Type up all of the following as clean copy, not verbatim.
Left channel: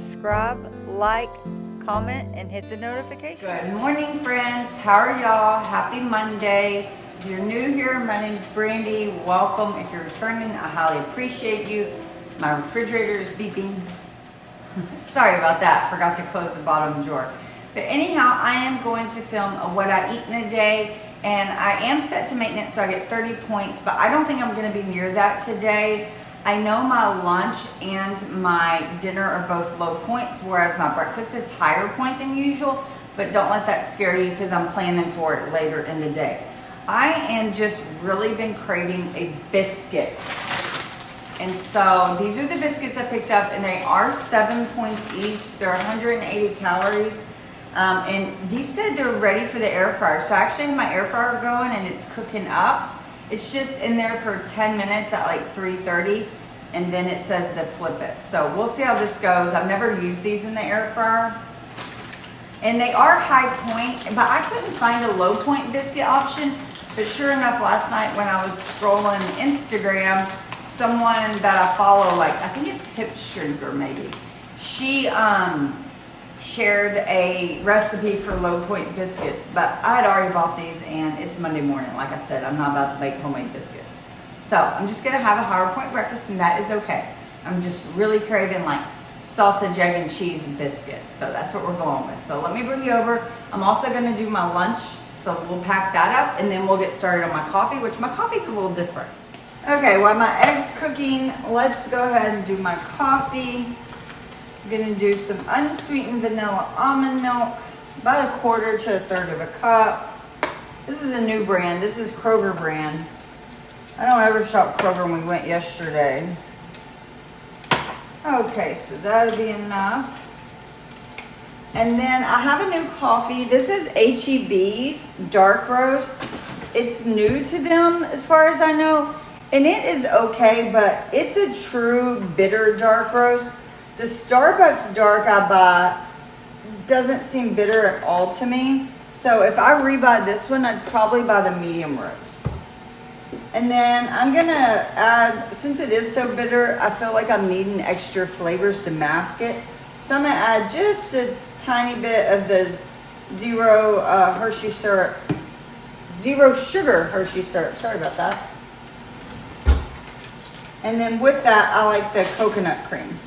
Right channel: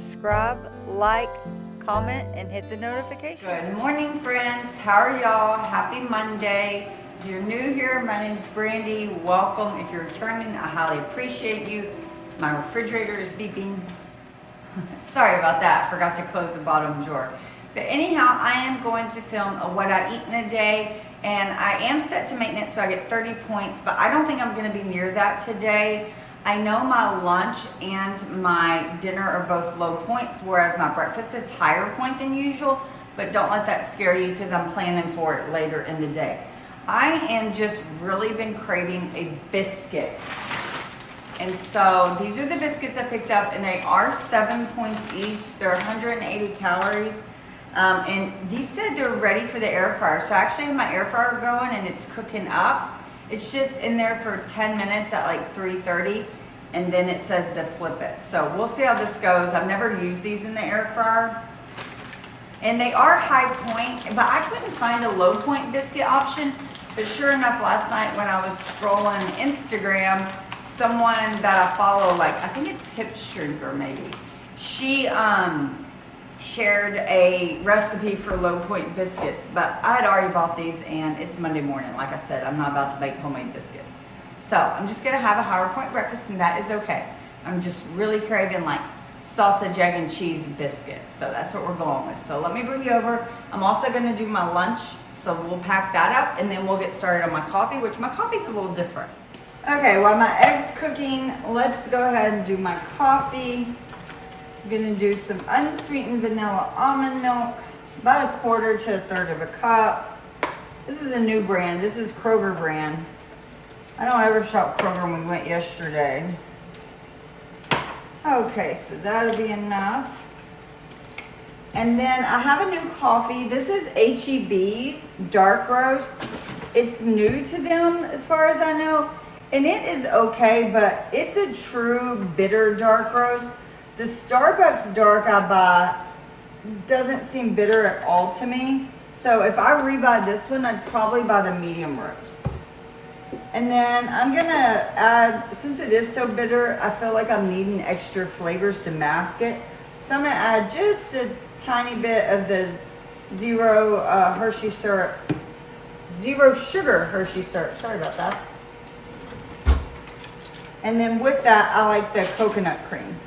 subscribe, like, comment, and hit the notification. Good morning, friends. How are y'all? Happy Monday. If you're new here, my name is Brandy. Welcome. If you're returning, I highly appreciate you. My refrigerator is beeping. Sorry about that. Forgot to close the bottom drawer. But anyhow, I am going to film what I eat in a day, and I am set to maintenance, so I get 30 points, but I don't think I'm going to be near that today. I know my lunch and my dinner are both low points, whereas my breakfast is higher point than usual, but don't let that scare you because I'm planning for it later in the day. I am just really been craving a biscuit. And so these are the biscuits I picked up, and they are 7 points each. They're 180 calories. And these said they're ready for the air fryer. So I actually have my air fryer going and it's cooking up. It's just in there for 10 minutes at like 3:30, and then it says to flip it. So we'll see how this goes. I've never used these in the air fryer. And they are high point, but I couldn't find a low point biscuit option. But sure enough, last night when I was scrolling Instagram, someone that I follow, like I think it's Hip Shrinker maybe, she shared a recipe for low point biscuits, but I had already bought these and it's Monday morning. Like I said, I'm not about to make homemade biscuits. So I'm just gonna have a higher point breakfast, and that is okay. I'm just really craving like sausage, egg, and cheese biscuits. So that's what we're going with. So let me bring you over. I'm also gonna do my lunch. So we'll pack that up and then we'll get started on my coffee, which my coffee's a little different. Okay, while my egg's cooking, let's go ahead and do my coffee. I'm gonna do some unsweetened vanilla almond milk, about 1/4 to 1/3 of a cup. This is a new brand. This is Kroger brand. I don't ever shop Kroger when we went yesterday. Okay, so that'll be enough. And then I have a new coffee. This is H-E-B's dark roast. It's new to them as far as I know. And it is okay, but it's a true bitter dark roast. The Starbucks dark I buy doesn't seem bitter at all to me. So if I rebuy this one, I'd probably buy the medium roast. And then I'm gonna add, since it is so bitter, I feel like I'm needing extra flavors to mask it. So I'm gonna add just a tiny bit of the zero Hershey syrup, zero sugar Hershey syrup. Sorry about that. And then with that, I like the coconut cream.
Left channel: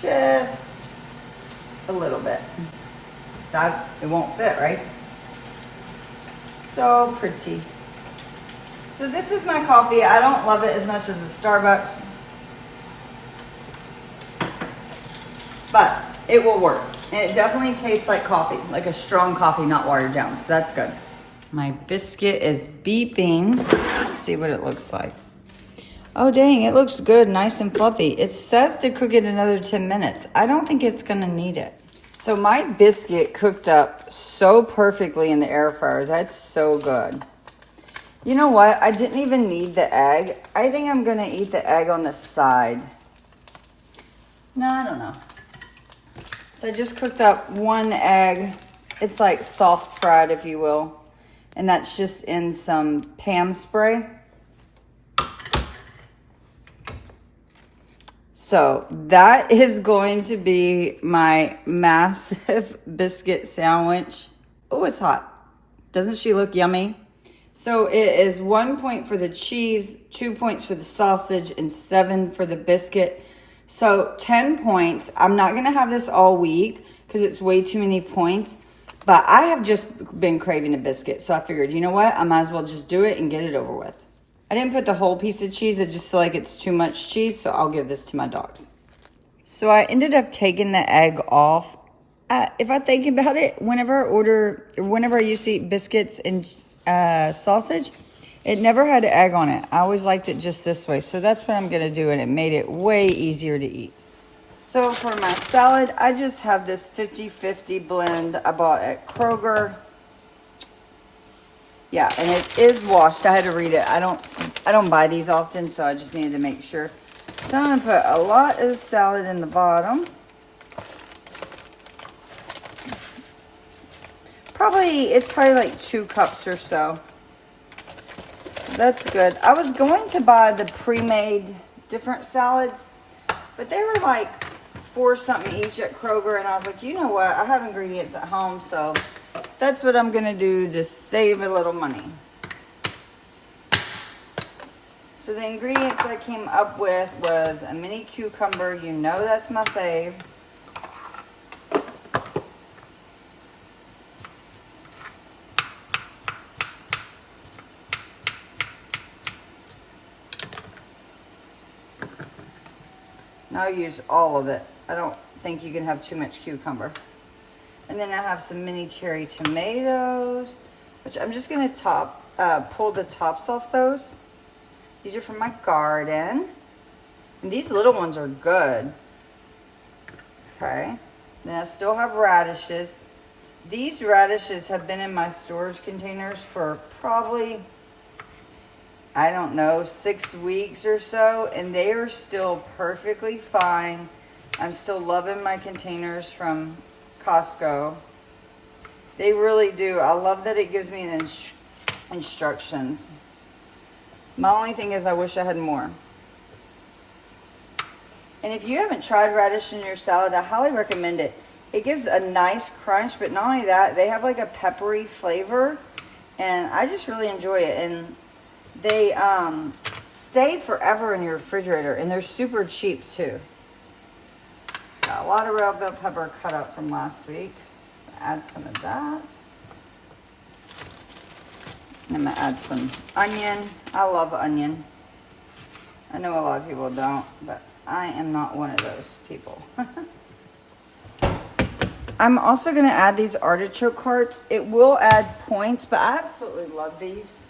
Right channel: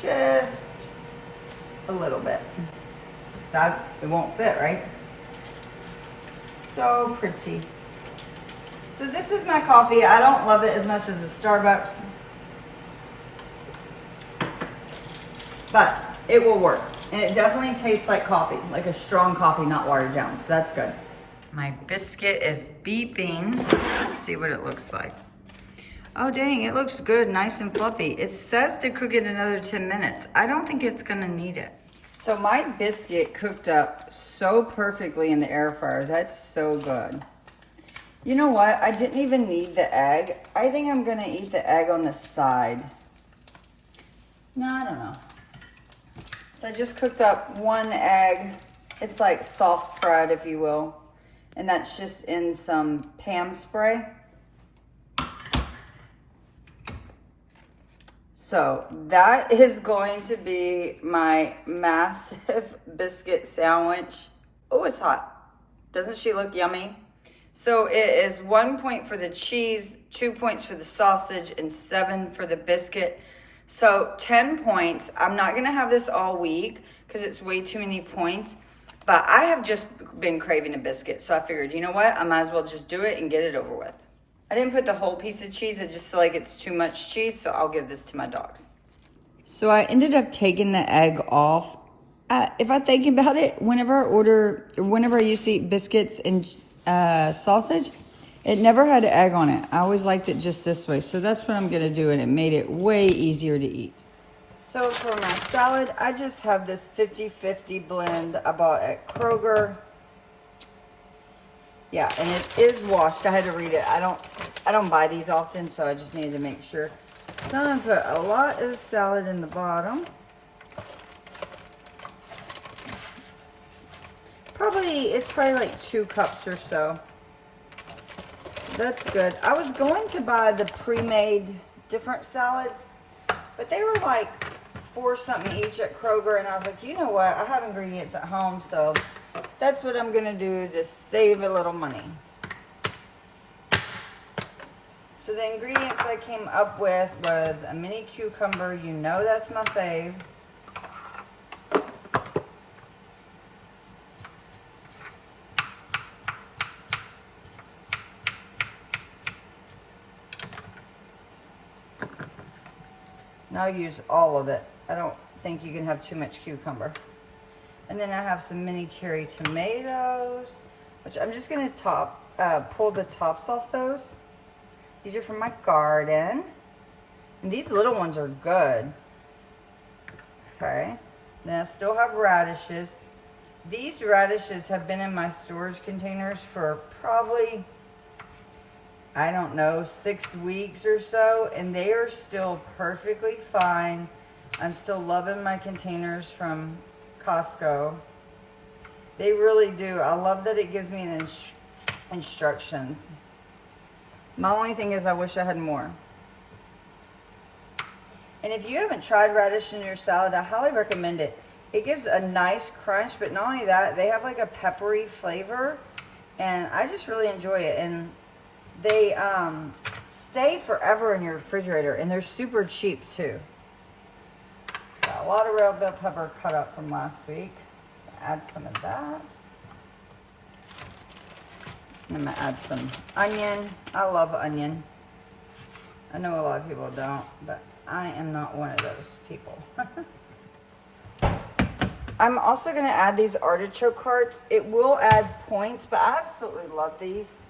Just a little bit. So it won't fit, right? So pretty. So this is my coffee. I don't love it as much as the Starbucks, but it will work. And it definitely tastes like coffee, like a strong coffee, not watered down. So that's good. My biscuit is beeping. Let's see what it looks like. Oh dang, it looks good, nice and fluffy. It says to cook it another 10 minutes. I don't think it's gonna need it. So my biscuit cooked up so perfectly in the air fryer. That's so good. You know what? I didn't even need the egg. I think I'm gonna eat the egg on the side. No, I don't know. So I just cooked up one egg. It's like soft fried, if you will. And that's just in some Pam spray. So that is going to be my massive biscuit sandwich. Oh, it's hot. Doesn't she look yummy? So it is 1 point for the cheese, 2 points for the sausage, and 7 for the biscuit. So 10 points. I'm not gonna have this all week because it's way too many points, but I have just been craving a biscuit. So I figured, you know what? I might as well just do it and get it over with. I didn't put the whole piece of cheese. I just feel like it's too much cheese, so I'll give this to my dogs. So I ended up taking the egg off. If I think about it, whenever I used to eat biscuits and sausage, it never had egg on it. I always liked it just this way. So that's what I'm gonna do, and it made it way easier to eat. So for my salad, I just have this 50-50 blend I bought at Kroger. Yeah, and it is washed. I had to read it. I don't buy these often, so I just needed to make sure. So I'm gonna put a lot of salad in the bottom. It's probably like 2 cups or so. that's good. I was going to buy the pre-made different salads, but they were like $4 something each at Kroger, and I was like, you know what? I have ingredients at home, so that's what I'm gonna do, just save a little money. So the ingredients I came up with was a mini cucumber. You know that's my fave. And I'll use all of it. I don't think you can have too much cucumber. And then I have some mini cherry tomatoes, which I'm just gonna pull the tops off those. These are from my garden. And these little ones are good. Okay. Then I still have radishes. These radishes have been in my storage containers for probably, I don't know, 6 weeks or so, and they are still perfectly fine. I'm still loving my containers from Costco. They really do. I love that it gives me the instructions. My only thing is I wish I had more. And if you haven't tried radish in your salad, I highly recommend it. It gives a nice crunch, but not only that, they have like a peppery flavor, and I just really enjoy it. And they stay forever in your refrigerator, and they're super cheap too. Got a lot of red bell pepper cut up from last week. Add some of that. And I'm gonna add some onion. I love onion. I know a lot of people don't, but I am not one of those people. I'm also gonna add these artichoke hearts. It will add points, but I absolutely love these.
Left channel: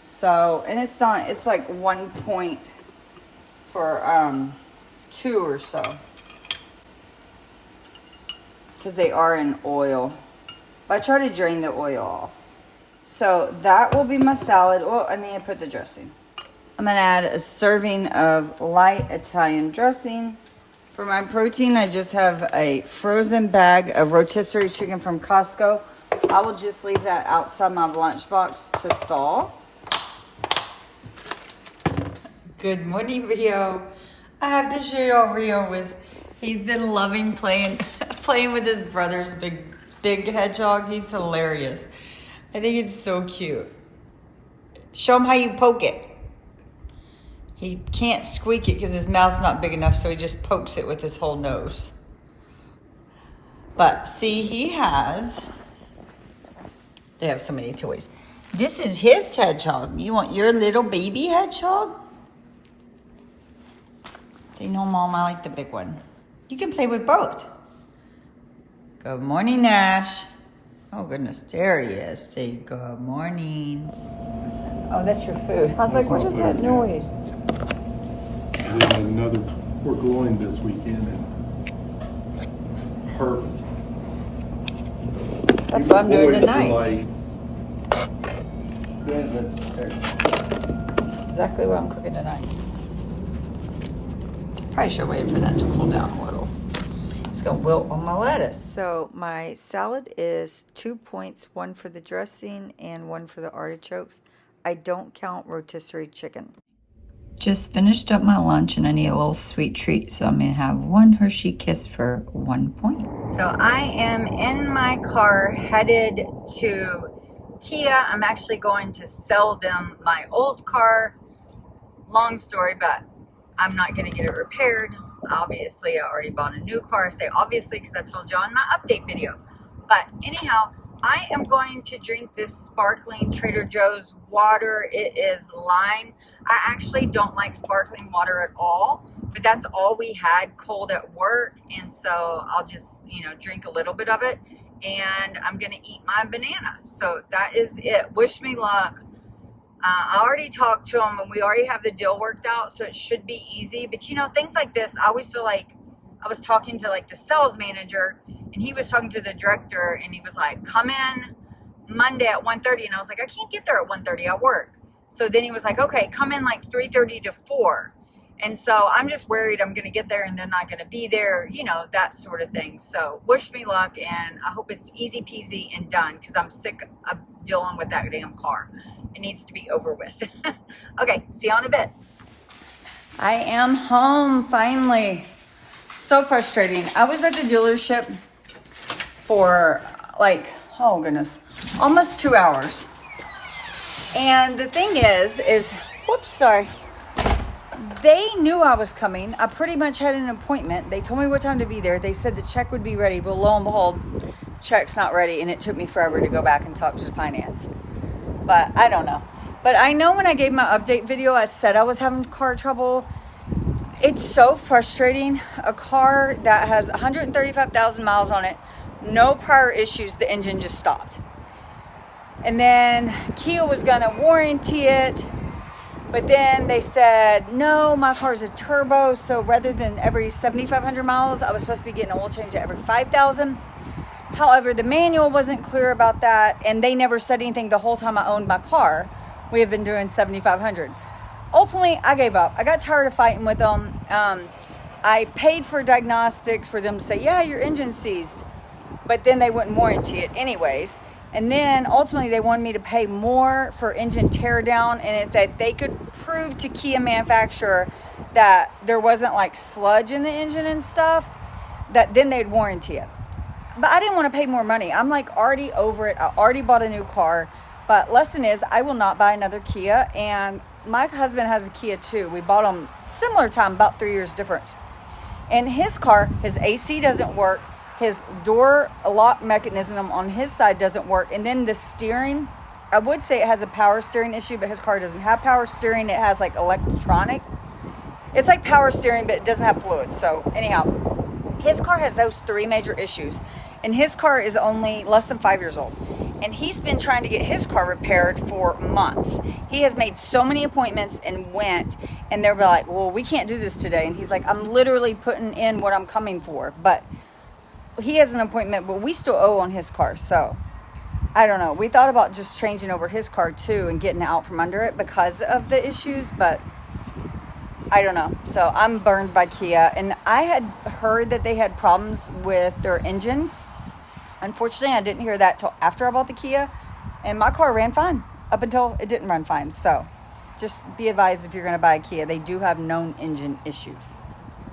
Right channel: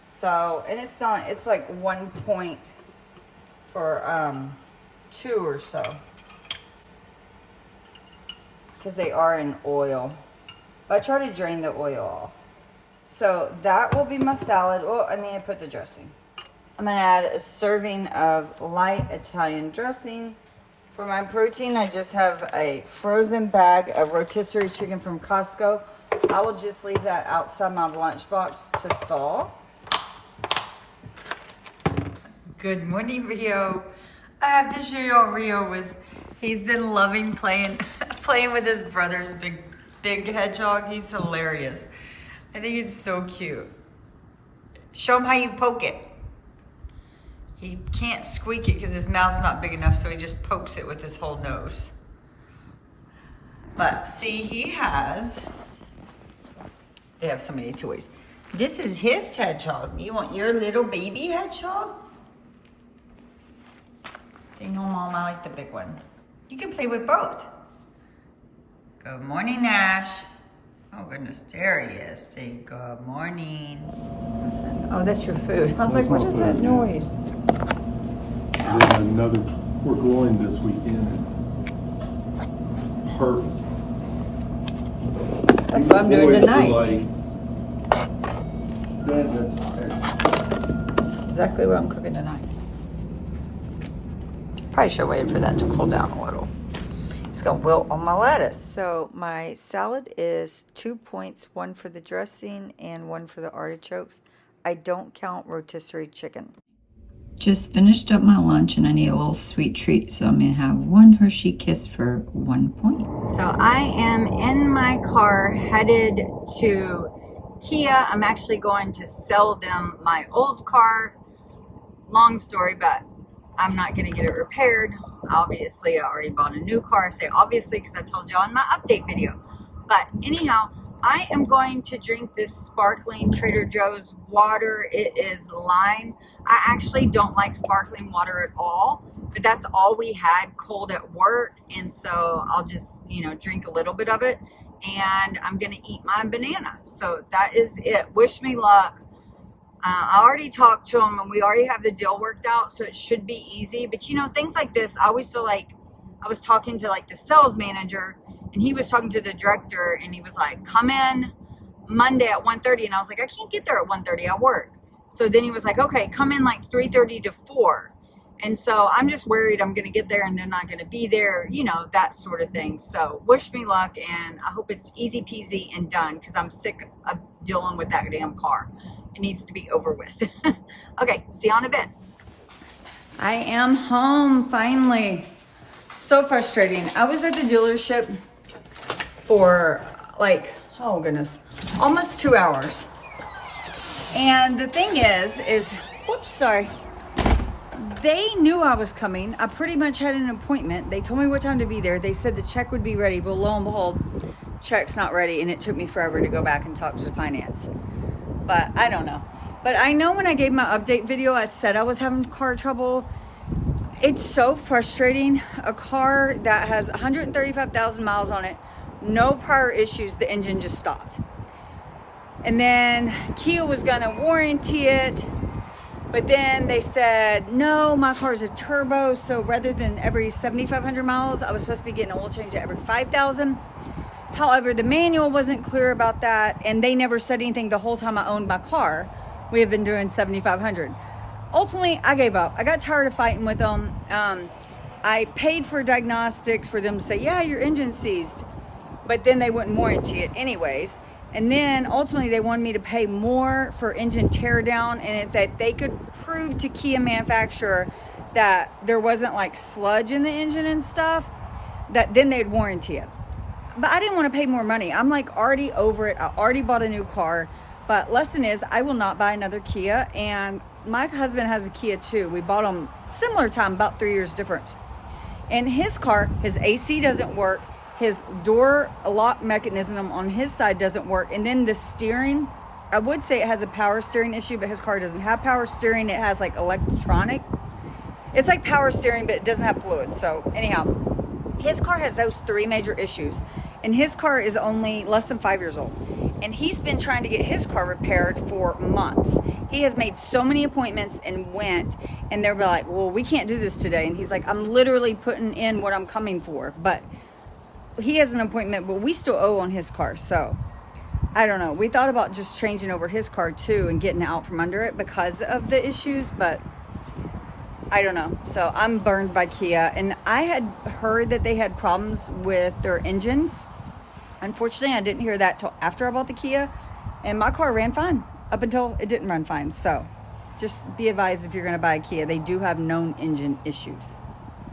So, and it's not, it's like 1 point for 2 or so. Because they are in oil. I try to drain the oil off. So that will be my salad. Oh, I need to put the dressing. I'm gonna add a serving of light Italian dressing. For my protein, I just have a frozen bag of rotisserie chicken from Costco. I will just leave that outside my lunchbox to thaw. Good morning, Rio. I have to show y'all Rio with, he's been loving playing with his brother's big hedgehog. He's hilarious. I think it's so cute. Show him how you poke it. He can't squeak it because his mouth's not big enough, so he just pokes it with his whole nose. But see, they have so many toys. This is his hedgehog. You want your little baby hedgehog? Say, no, Mom, I like the big one. You can play with both. Good morning, Nash. Oh, goodness, there he is. Say good morning. Oh, that's your food. I was like, what is that noise? We're going this weekend. And perfect. That's what I'm doing tonight. That's excellent. That's exactly what I'm cooking tonight. Probably should wait for that to cool down a little. It's gonna wilt on my lettuce. So my salad is 2 points, 1 for the dressing and 1 for the artichokes. I don't count rotisserie chicken. Just finished up my lunch and I need a little sweet treat, so I'm gonna have 1 Hershey Kiss for 1 point. So I am in my car headed to Kia. I'm actually going to sell them my old car. Long story, but I'm not gonna get it repaired. Obviously, I already bought a new car. I say obviously because I told y'all in my update video. But anyhow, I am going to drink this sparkling Trader Joe's water. It is lime. I actually don't like sparkling water at all, but that's all we had cold at work. And so I'll just, drink a little bit of it, and I'm going to eat my banana. So that is it. Wish me luck. I already talked to him and we already have the deal worked out, so it should be easy. But things like this, I always feel like I was talking to like the sales manager, and he was talking to the director, and he was like, come in Monday at 1:30. And I was like, I can't get there at 1:30, I work. So then he was like, okay, come in like 3:30 to 4. And so I'm just worried I'm going to get there and they're not going to be there, that sort of thing. So wish me luck, and I hope it's easy peasy and done, because I'm sick of dealing with that damn car. It needs to be over with. Okay, see you in a bit. I am home finally. So frustrating. I was at the dealership for like, oh goodness, almost 2 hours. And the thing is, whoops, sorry. They knew I was coming. I pretty much had an appointment. They told me what time to be there. They said the check would be ready, but lo and behold, check's not ready, and it took me forever to go back and talk to finance. But I don't know. But I know when I gave my update video, I said I was having car trouble. It's so frustrating. A car that has 135,000 miles on it, no prior issues, the engine just stopped. And then Kia was gonna warranty it, but then they said, no, my car is a turbo, so rather than every 7,500 miles, I was supposed to be getting an oil change at every 5,000. However, the manual wasn't clear about that, and they never said anything the whole time I owned my car. We have been doing 7,500. Ultimately, I gave up. I got tired of fighting with them. I paid for diagnostics for them to say, yeah, your engine's seized, but then they wouldn't warranty it anyways. And then ultimately they wanted me to pay more for engine teardown, and if that they could prove to Kia manufacturer that there wasn't like sludge in the engine and stuff, that then they'd warranty it. But I didn't want to pay more money. I'm like already over it. I already bought a new car. But lesson is, I will not buy another Kia. And my husband has a Kia too. We bought them similar time, about 3 years difference. And his car, his AC doesn't work. His door lock mechanism on his side doesn't work. And then the steering, I would say it has a power steering issue, but his car doesn't have power steering. It has like electronic. It's like power steering, but it doesn't have fluid. So anyhow, his car has those 3 major issues. And his car is only less than 5 years old. And he's been trying to get his car repaired for months. He has made so many appointments and went, and they're like, well, we can't do this today. And he's like, I'm literally putting in what I'm coming for. But he has an appointment, but we still owe on his car. So I don't know. We thought about just changing over his car too and getting out from under it because of the issues, but I don't know. So I'm burned by Kia. And I had heard that they had problems with their engines. Unfortunately, I didn't hear that till after I bought the Kia, and my car ran fine up until it didn't run fine. So just be advised if you're going to buy a Kia, they do have known engine issues.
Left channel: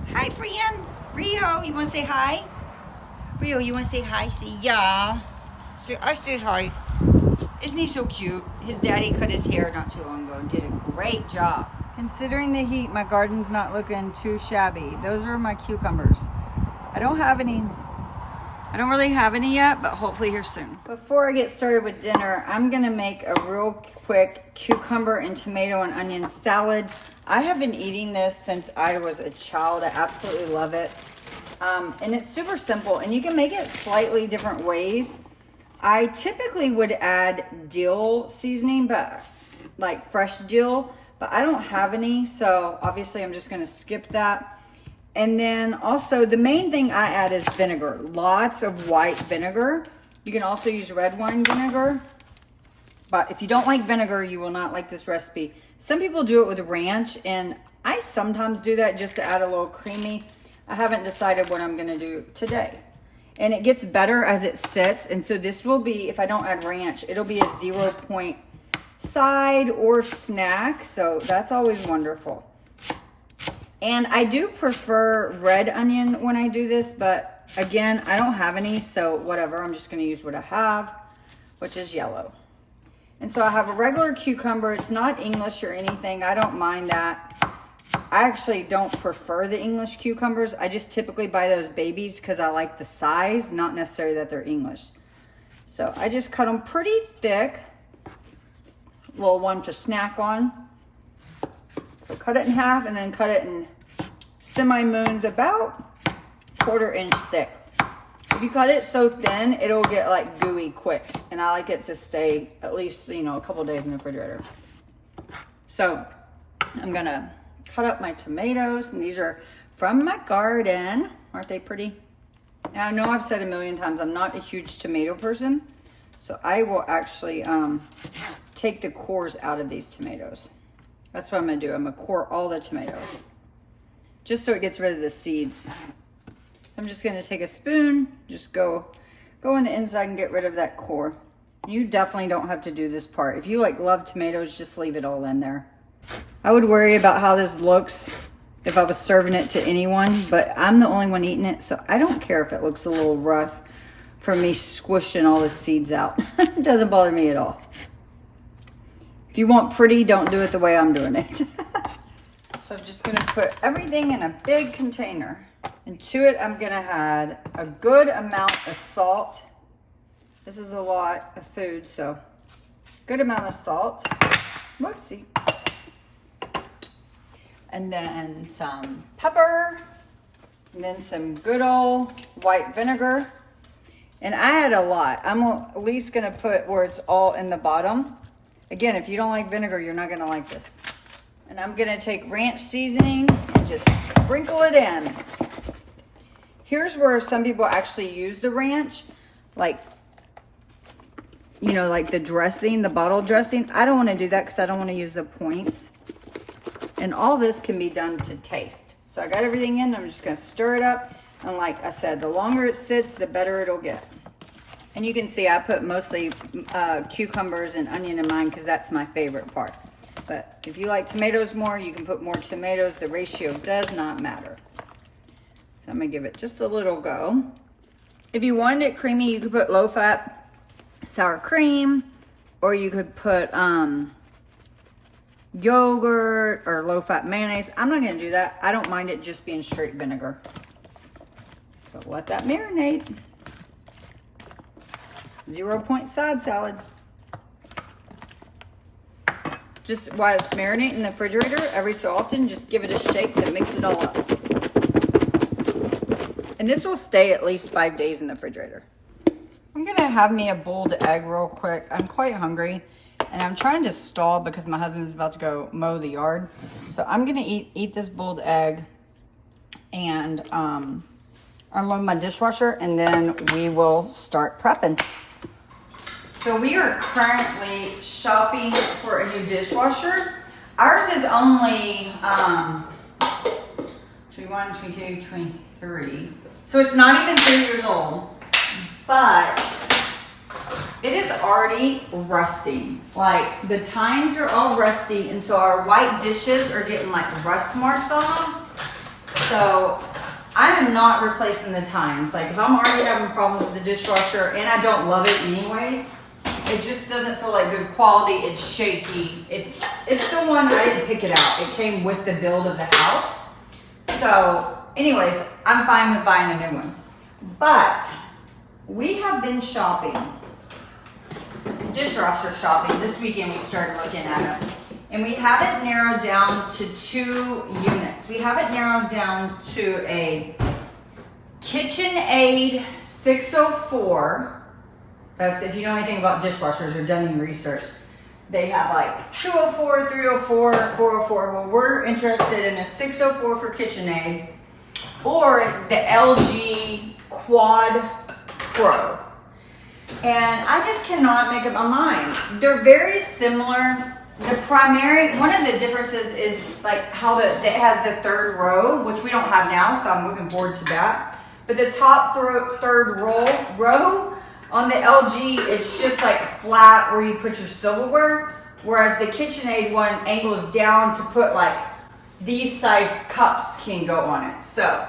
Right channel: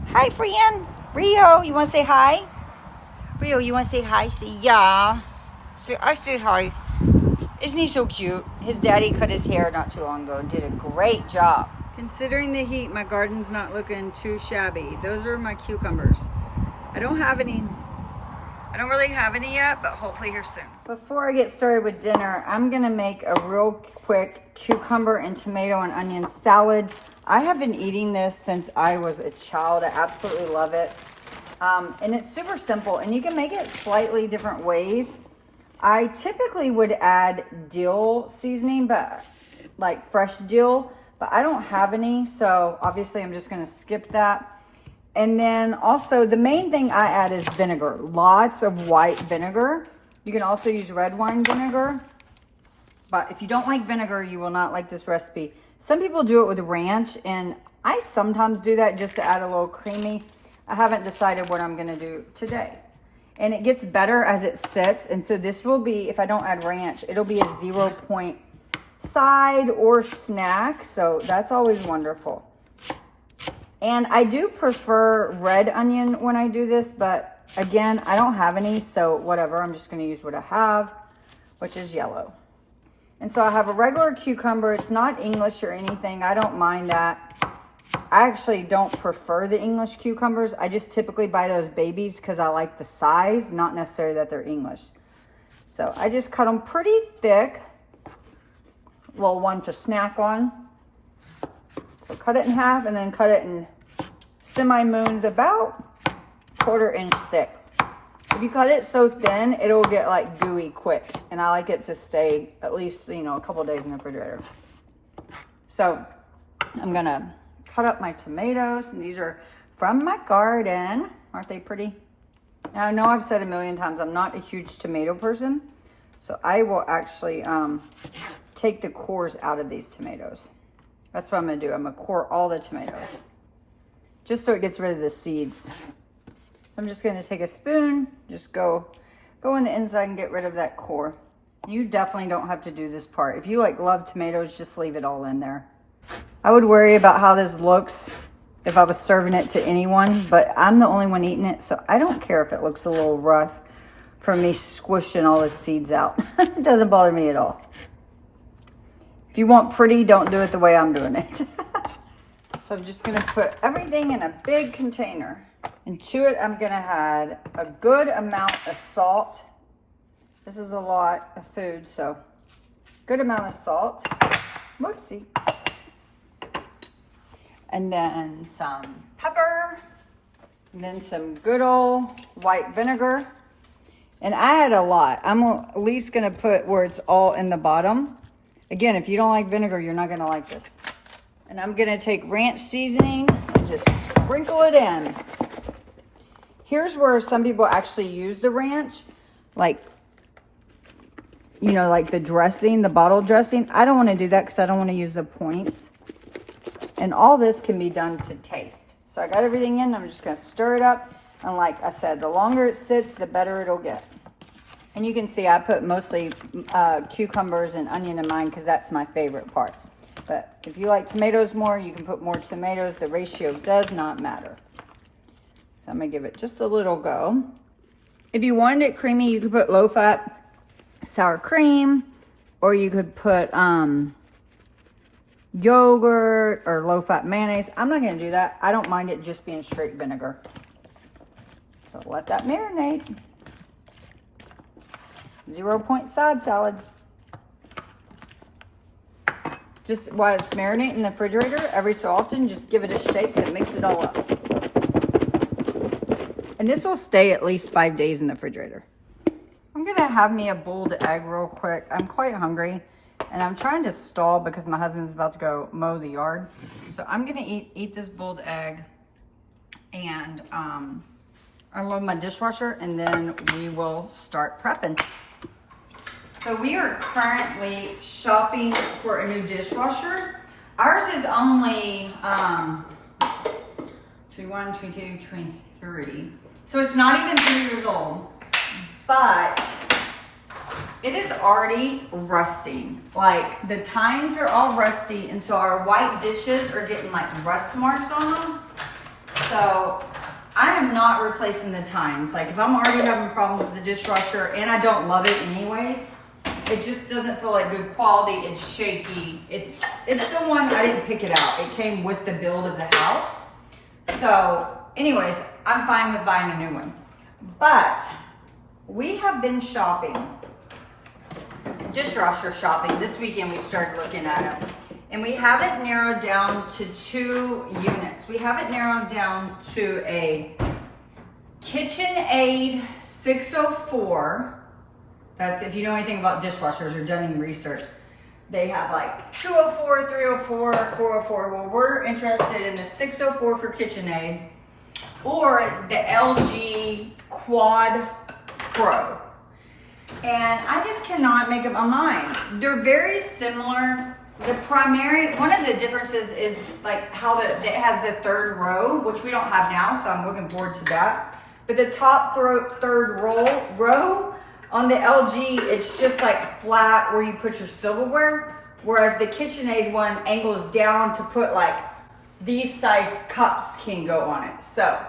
Hi, friend. Rio, you want to say hi? Rio, you want to say hi? Say yeah. I say hi. Isn't he so cute? His daddy cut his hair not too long ago and did a great job. Considering the heat, my garden's not looking too shabby. Those are my cucumbers. I don't really have any yet, but hopefully here soon. Before I get started with dinner, I'm gonna make a real quick cucumber and tomato and onion salad. I have been eating this since I was a child. I absolutely love it. And it's super simple, and you can make it slightly different ways. I typically would add dill seasoning, but like fresh dill, but I don't have any, so obviously I'm just gonna skip that. And then also the main thing I add is vinegar, lots of white vinegar. You can also use red wine vinegar, but if you don't like vinegar, you will not like this recipe. Some people do it with ranch, and I sometimes do that just to add a little creamy. I haven't decided what I'm gonna do today. And it gets better as it sits, and so this will be, if I don't add ranch, it'll be a 0-point side or snack, so that's always wonderful. And I do prefer red onion when I do this, but again, I don't have any, so whatever. I'm just gonna use what I have, which is yellow. And so I have a regular cucumber. It's not English or anything. I don't mind that. I actually don't prefer the English cucumbers. I just typically buy those babies because I like the size, not necessarily that they're English. So I just cut them pretty thick. Little one to snack on. So cut it in half and then cut it in semi-moons about 1/4 inch thick. If you cut it so thin, it'll get like gooey quick. And I like it to stay at least, you know, a couple days in the refrigerator. So I'm gonna cut up my tomatoes, and these are from my garden. Aren't they pretty? Now, I know I've said a million times, I'm not a huge tomato person. So I will actually take the cores out of these tomatoes. That's what I'm gonna do. I'm gonna core all the tomatoes, just so it gets rid of the seeds. I'm just gonna take a spoon, just go in the inside and get rid of that core. You definitely don't have to do this part. If you like love tomatoes, just leave it all in there. I would worry about how this looks if I was serving it to anyone, but I'm the only one eating it, so I don't care if it looks a little rough from me squishing all the seeds out. It doesn't bother me at all. If you want pretty, don't do it the way I'm doing it. So I'm just gonna put everything in a big container. Into it, I'm gonna add a good amount of salt. This is a lot of food, so good amount of salt. Whoopsie. And then some pepper, and then some good old white vinegar. And I had a lot. I'm at least gonna put where it's all in the bottom. Again, if you don't like vinegar, you're not gonna like this. And I'm gonna take ranch seasoning and just sprinkle it in. Here's where some people actually use the ranch, like, you know, like the dressing, the bottle dressing. I don't wanna do that because I don't wanna use the points. And all this can be done to taste. So I got everything in, I'm just gonna stir it up. And like I said, the longer it sits, the better it'll get. And you can see I put mostly cucumbers and onion in mine because that's my favorite part. But if you like tomatoes more, you can put more tomatoes. The ratio does not matter. So I'm gonna give it just a little go. If you wanted it creamy, you could put low-fat sour cream, or you could put yogurt or low-fat mayonnaise. I'm not gonna do that. I don't mind it just being straight vinegar. So let that marinate. 0-point side salad. Just while it's marinating in the refrigerator, every so often, just give it a shake to mix it all up. And this will stay at least 5 days in the refrigerator. I'm gonna have me a boiled egg real quick. I'm quite hungry and I'm trying to stall because my husband's about to go mow the yard. So I'm gonna eat this boiled egg and unload my dishwasher, and then we will start prepping. So we are currently shopping for a new dishwasher. Ours is only 21, 22, 23. So it's not even 3 years old, but it is already rusting. Like the tines are all rusty, and so our white dishes are getting like rust marks on them. So I am not replacing the tines. Like if I'm already having problems with the dishwasher and I don't love it anyways, it just doesn't feel like good quality. It's shaky. It's the one, I didn't pick it out. It came with the build of the house. So anyways, I'm fine with buying a new one. But we have been shopping, dishwasher shopping. This weekend we started looking at them. And we have it narrowed down to 2 units. We have it narrowed down to a KitchenAid 604. That's if you know anything about dishwashers or done any research. They have like 204, 304, 404. Well, we're interested in the 604 for KitchenAid or the LG Quad Pro. And I just cannot make up my mind. They're very similar. The primary, one of the differences is like how it has the 3rd row, which we don't have now, so I'm looking forward to that. But the top 3rd row on the LG, it's just like flat where you put your silverware, whereas the KitchenAid one angles down to put like these size cups can go on it. So,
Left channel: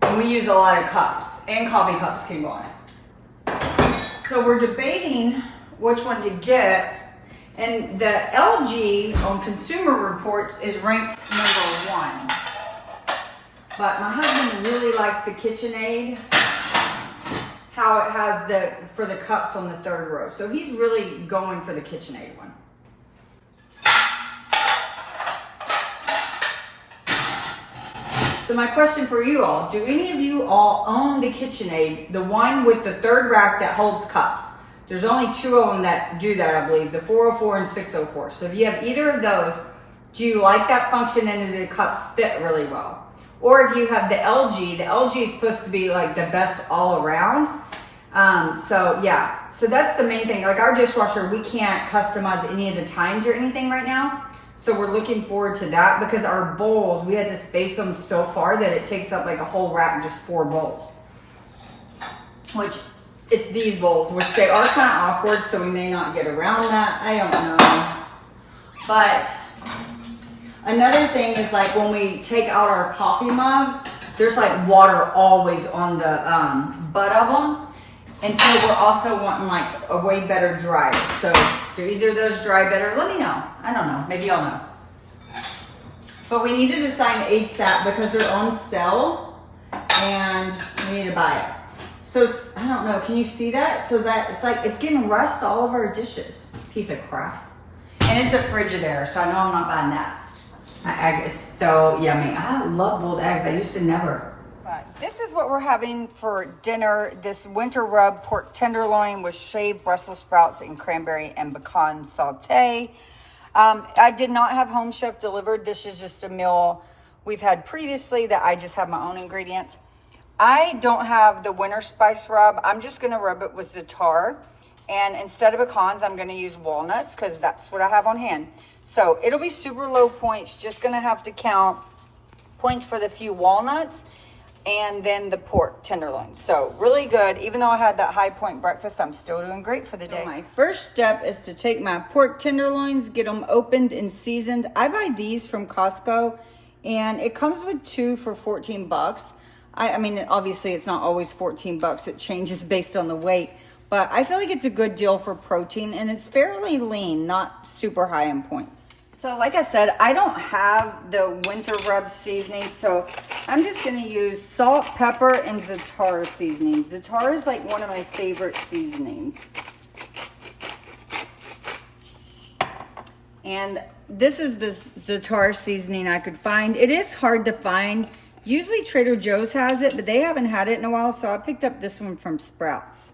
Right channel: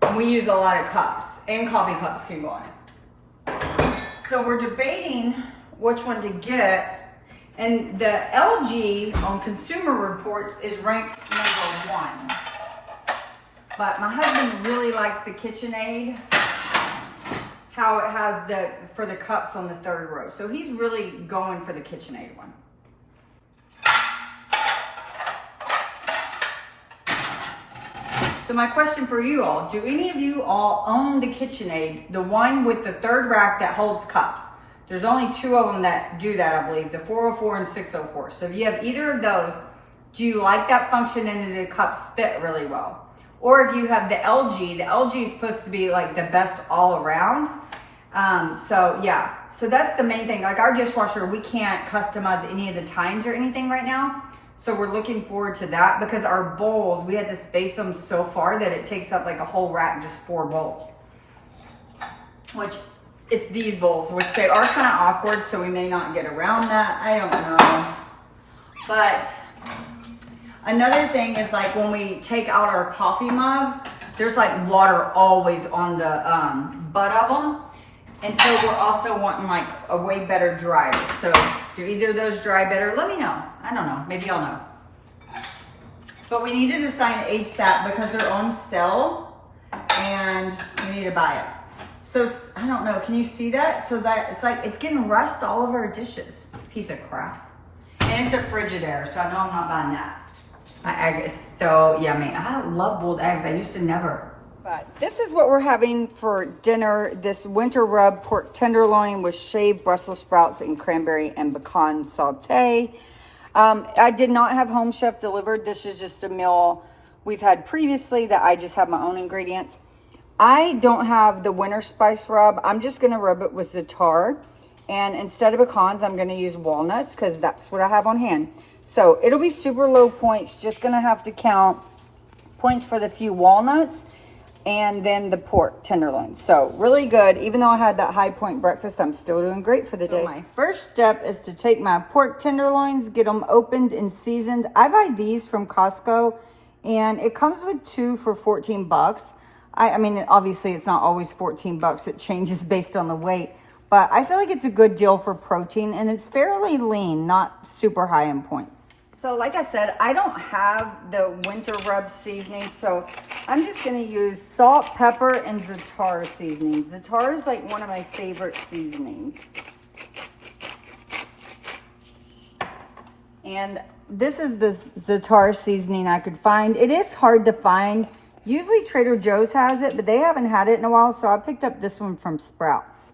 and we use a lot of cups, and coffee cups can go on it. So we're debating which one to get. And the LG on Consumer Reports is ranked #1. But my husband really likes the KitchenAid, how it has for the cups on the 3rd row. So he's really going for the KitchenAid one. So my question for you all, do any of you all own the KitchenAid, the one with the 3rd rack that holds cups? There's only 2 of them that do that, I believe, the 404 and 604. So if you have either of those, do you like that function and do the cups fit really well? Or if you have the LG is supposed to be like the best all around. So yeah, so that's the main thing. Like our dishwasher, we can't customize any of the tines or anything right now. So we're looking forward to that because our bowls, we had to space them so far that it takes up like a whole rack, just 4 bowls. Which it's these bowls, which they are kind of awkward, so we may not get around that. I don't know. But another thing is like when we take out our coffee mugs, there's like water always on the butt of them. And so we're also wanting like a way better dryer. So do either of those dry better? Let me know. I don't know. Maybe y'all know. But we need to decide ASAP because they're on sale and we need to buy it. So I don't know. Can you see that? So that it's like it's getting rust all of our dishes. Piece of crap. And it's a Frigidaire, so I know I'm not buying that. My egg is so yummy. I love boiled eggs. I used to never. This is what we're having for dinner. This winter rub pork tenderloin with shaved Brussels sprouts and cranberry and pecan saute. I did not have Home Chef delivered. This is just a meal we've had previously that I just have my own ingredients. I don't have the winter spice rub. I'm just gonna rub it with za'atar. And instead of pecans, I'm gonna use walnuts because that's what I have on hand. So it'll be super low points. Just gonna have to count points for the few walnuts and then the pork tenderloin. So really good. Even though I had that high point breakfast, I'm still doing great for the day. My first step is to take my pork tenderloins, get them opened and seasoned. I buy these from Costco and it comes with 2 for 14 bucks. I mean, obviously it's not always 14 bucks. It changes based on the weight, but I feel like it's a good deal for protein and it's fairly lean, not super high in points. So like I said, I don't have the winter rub seasoning, so I'm just gonna use salt, pepper, and za'atar seasoning. Za'atar is like one of my favorite seasonings. And this is the za'atar seasoning I could find. It is hard to find. Usually Trader Joe's has it, but they haven't had it in a while, so I picked up this one from Sprouts.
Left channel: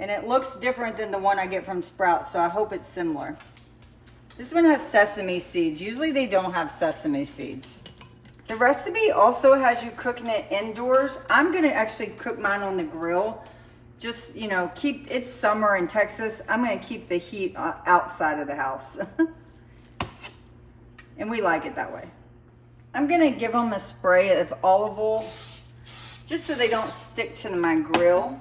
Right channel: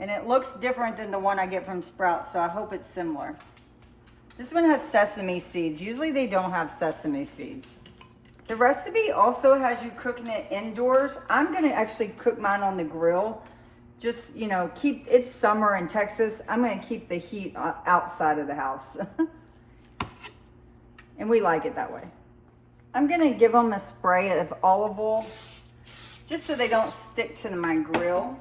And it looks different than the one I get from Sprouts, so I hope it's similar. This one has sesame seeds. Usually they don't have sesame seeds. The recipe also has you cooking it indoors. I'm gonna actually cook mine on the grill. Just, you know, it's summer in Texas. I'm gonna keep the heat outside of the house. And we like it that way. I'm gonna give them a spray of olive oil just so they don't stick to my grill.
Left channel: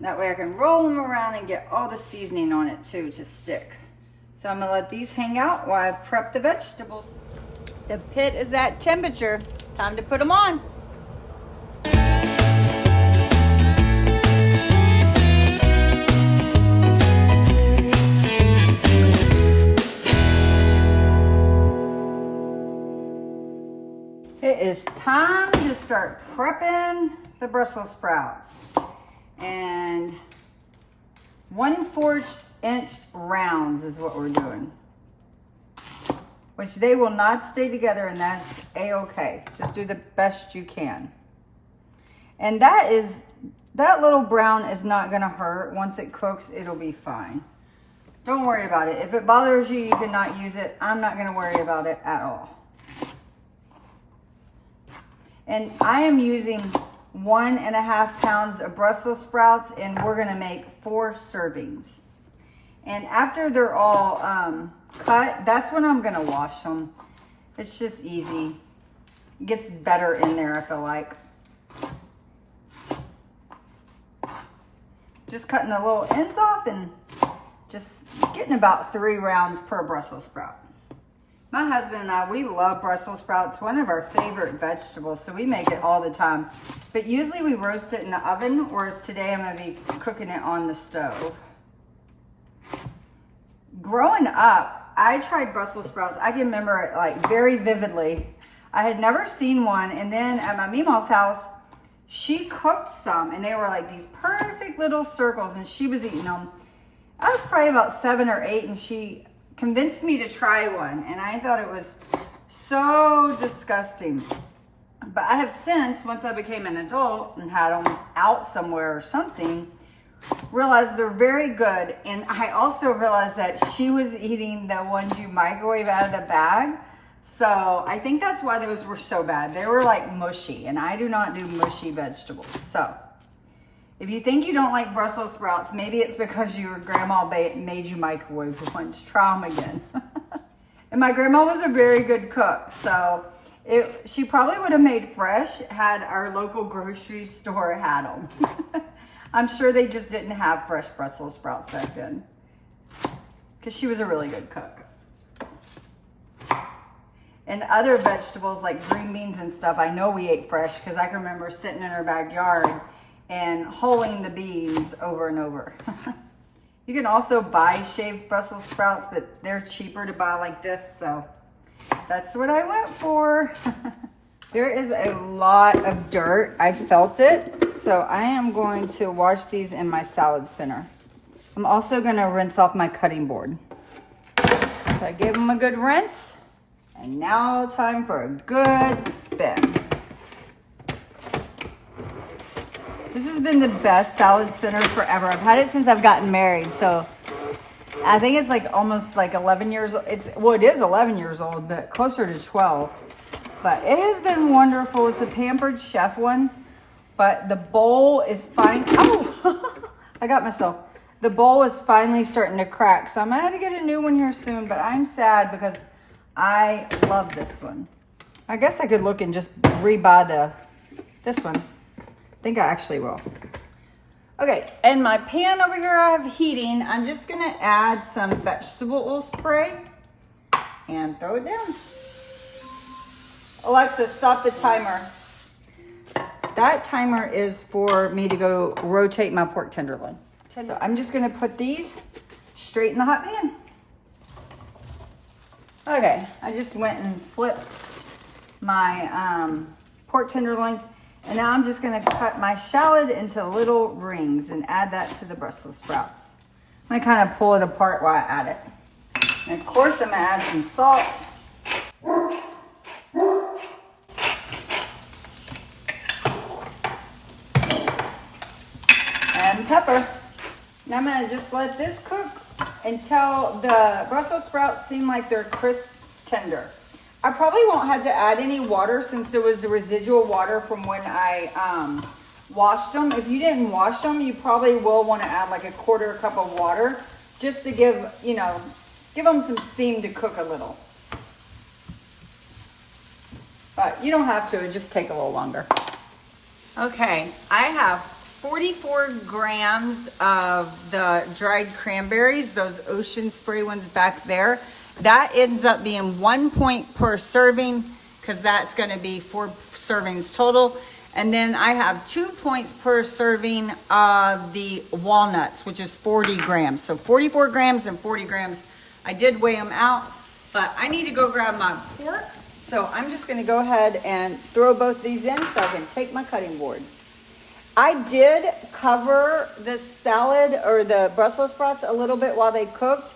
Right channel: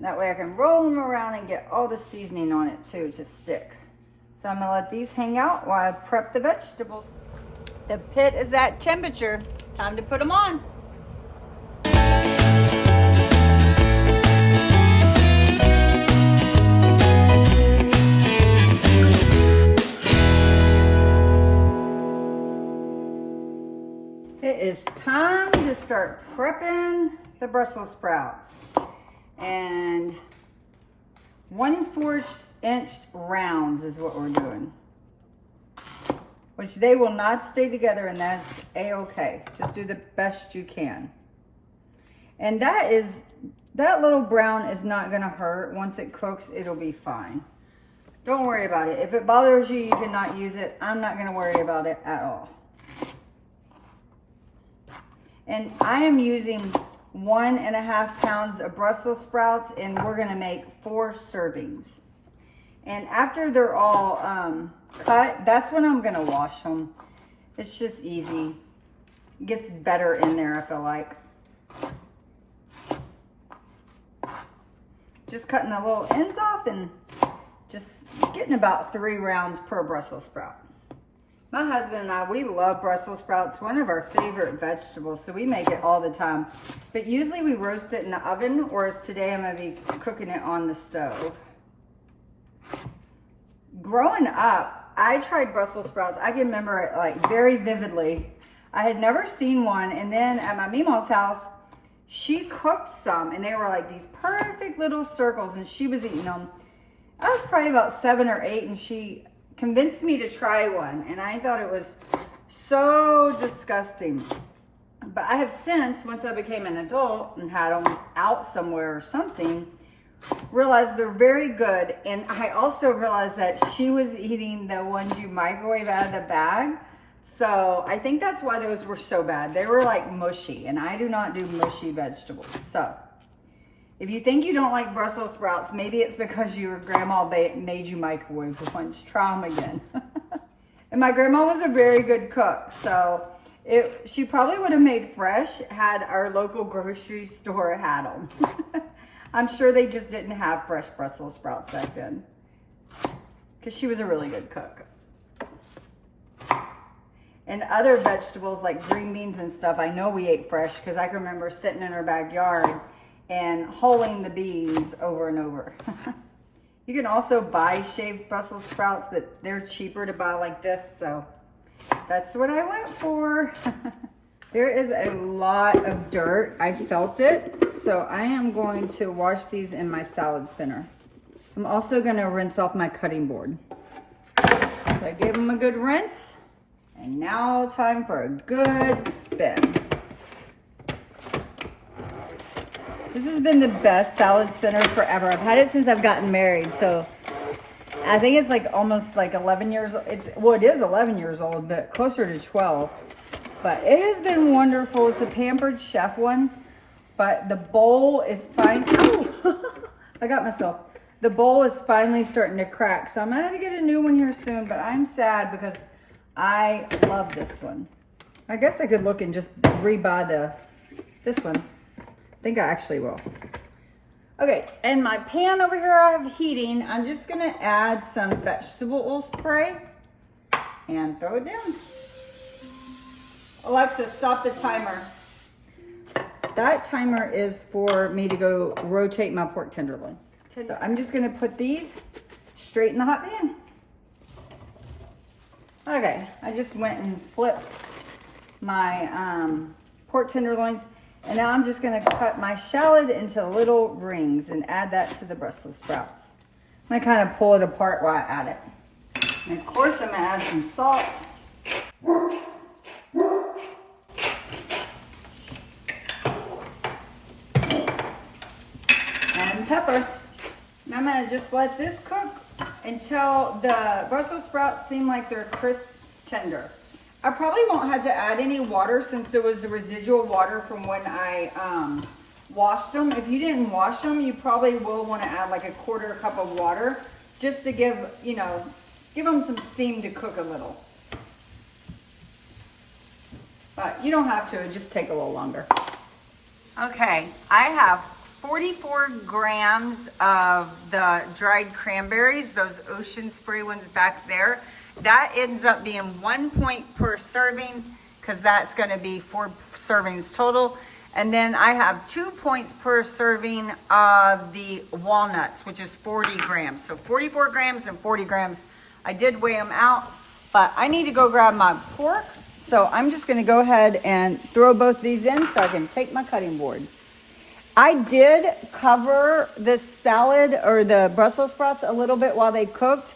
That way I can roll them around and get all the seasoning on it too to stick. So I'm gonna let these hang out while I prep the vegetables. The pit is at temperature. Time to put them on. It is time to start prepping the Brussels sprouts. And 1/4 inch rounds is what we're doing. Which they will not stay together, and that's a-okay. Just do the best you can. And that little brown is not gonna hurt. Once it cooks, it'll be fine. Don't worry about it. If it bothers you, you cannot use it. I'm not gonna worry about it at all. And I am using 1.5 pounds of Brussels sprouts, and we're gonna make 4 servings. And after they're all cut, that's when I'm gonna wash them. It's just easy. It gets better in there, I feel like. Just cutting the little ends off and just getting about 3 rounds per Brussels sprout. My husband and I, we love Brussels sprouts. One of our favorite vegetables, so we make it all the time. But usually we roast it in the oven, whereas today I'm gonna be cooking it on the stove. Growing up, I tried Brussels sprouts. I can remember it like very vividly. I had never seen one, and then at my Meemaw's house, she cooked some, and they were like these perfect little circles, and she was eating them. I was probably about 7 or 8, and she convinced me to try one, and I thought it was so disgusting. But I have since, once I became an adult and had them out somewhere or something, realized they're very good. And I also realized that she was eating the ones you microwave out of the bag. So I think that's why those were so bad. They were like mushy, and I do not do mushy vegetables. So if you think you don't like Brussels sprouts, maybe it's because your grandma made you microwave the ones. Try them again. And my grandma was a very good cook, so she probably would have made fresh had our local grocery store had them. I'm sure they just didn't have fresh Brussels sprouts back then. Because she was a really good cook. And other vegetables like green beans and stuff, I know we ate fresh because I can remember sitting in her backyard and hulling the beans over and over. You can also buy shaved Brussels sprouts, but they're cheaper to buy like this, so that's what I went for. There is a lot of dirt. I felt it, so I am going to wash these in my salad spinner. I'm also going to rinse off my cutting board. So I gave them a good rinse, and now time for a good spin. This has been the best salad spinner forever. I've had it since I've gotten married, so I think it's like almost like 11 years old. It is 11 years old, but closer to 12. But it has been wonderful. It's a Pampered Chef one, but the bowl is fine. Oh, I got myself. The bowl is finally starting to crack, so I'm gonna have to get a new one here soon, but I'm sad because I love this one. I guess I could look and just rebuy this one. I think I actually will. Okay, and my pan over here I have heating. I'm just gonna add some vegetable oil spray and throw it down. Alexa, stop the timer. That timer is for me to go rotate my pork tenderloin. So I'm just gonna put these straight in the hot pan. Okay, I just went and flipped my pork tenderloins. And now I'm just gonna cut my shallot into little rings and add that to the Brussels sprouts. I'm gonna kind of pull it apart while I add it. And of course I'm gonna add some salt. And pepper. And I'm gonna just let this cook until the Brussels sprouts seem like they're crisp tender. I probably won't have to add any water since there was the residual water from when I washed them. If you didn't wash them, you probably will want to add like a quarter cup of water just to give them some steam to cook a little. But you don't have to, it just take a little longer. Okay, I have 44 grams of the dried cranberries, those ocean spray ones back there. That ends up being 1 point per serving because that's going to be 4 servings total. And then I have 2 points per serving of the walnuts, which is 40 grams. So 44 grams and 40 grams. I did weigh them out, but I need to go grab my pork. So I'm just going to go ahead and throw both these in so I can take my cutting board. I did cover this salad or the Brussels sprouts a little bit while they cooked.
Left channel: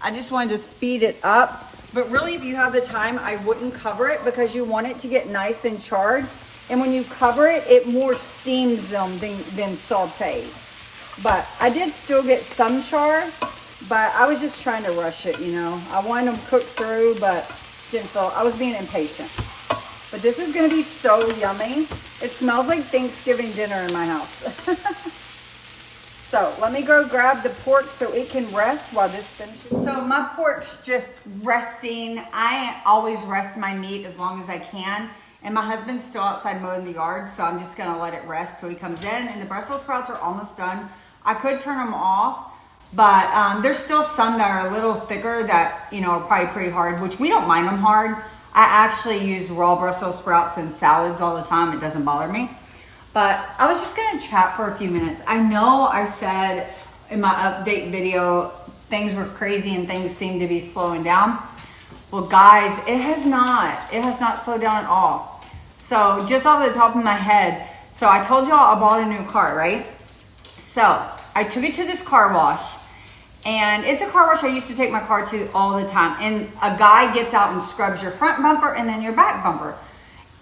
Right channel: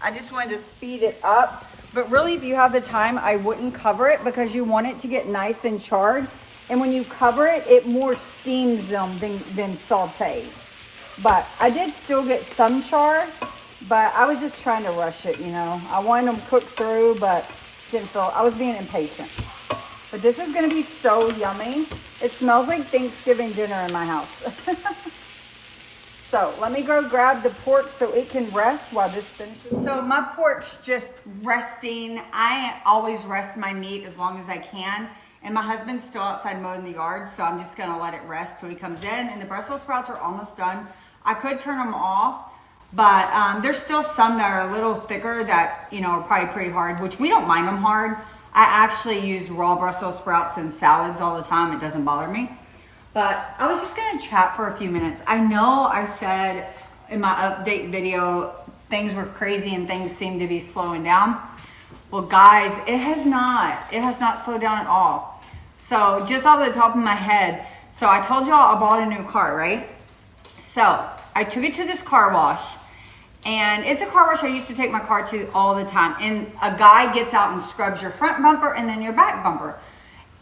I just wanted to speed it up. But really, if you have the time, I wouldn't cover it because you want it to get nice and charred. And when you cover it, it more steams them than sautés. But I did still get some char, but I was just trying to rush it, you know. I wanted them cooked through, but didn't feel, I was being impatient. But this is gonna be so yummy. It smells like Thanksgiving dinner in my house. So let me go grab the pork so it can rest while this finishes. So my pork's just resting. I always rest my meat as long as I can. And my husband's still outside mowing the yard, so I'm just gonna let it rest till he comes in. And the Brussels sprouts are almost done. I could turn them off, but there's still some that are a little thicker that, you know, are probably pretty hard, which we don't mind them hard. I actually use raw Brussels sprouts in salads all the time. It doesn't bother me. But I was just gonna chat for a few minutes. I know I said in my update video, things were crazy and things seem to be slowing down. Well guys, it has not slowed down at all. So just off the top of my head, so I told y'all I bought a new car, right? So I took it to this car wash, and it's a car wash I used to take my car to all the time. And a guy gets out and scrubs your front bumper and then your back bumper.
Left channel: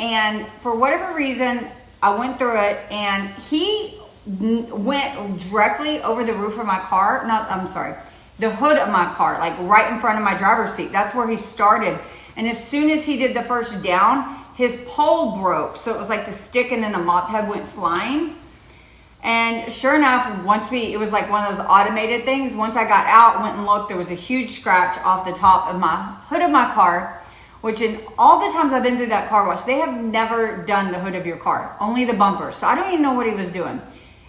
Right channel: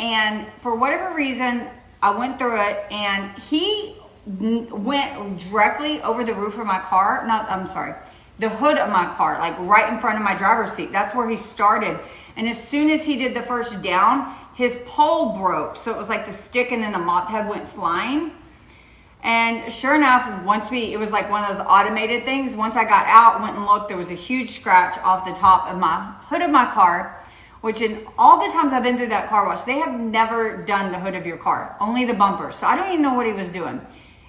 And for whatever reason, I went through it and he went directly over the roof of my car. The hood of my car, like right in front of my driver's seat. That's where he started. And as soon as he did the first down, his pole broke. So it was like the stick and then the mop head went flying. And sure enough, it was like one of those automated things. Once I got out, went and looked, there was a huge scratch off the top of my hood of my car, which in all the times I've been through that car wash, they have never done the hood of your car, only the bumper. So I don't even know what he was doing.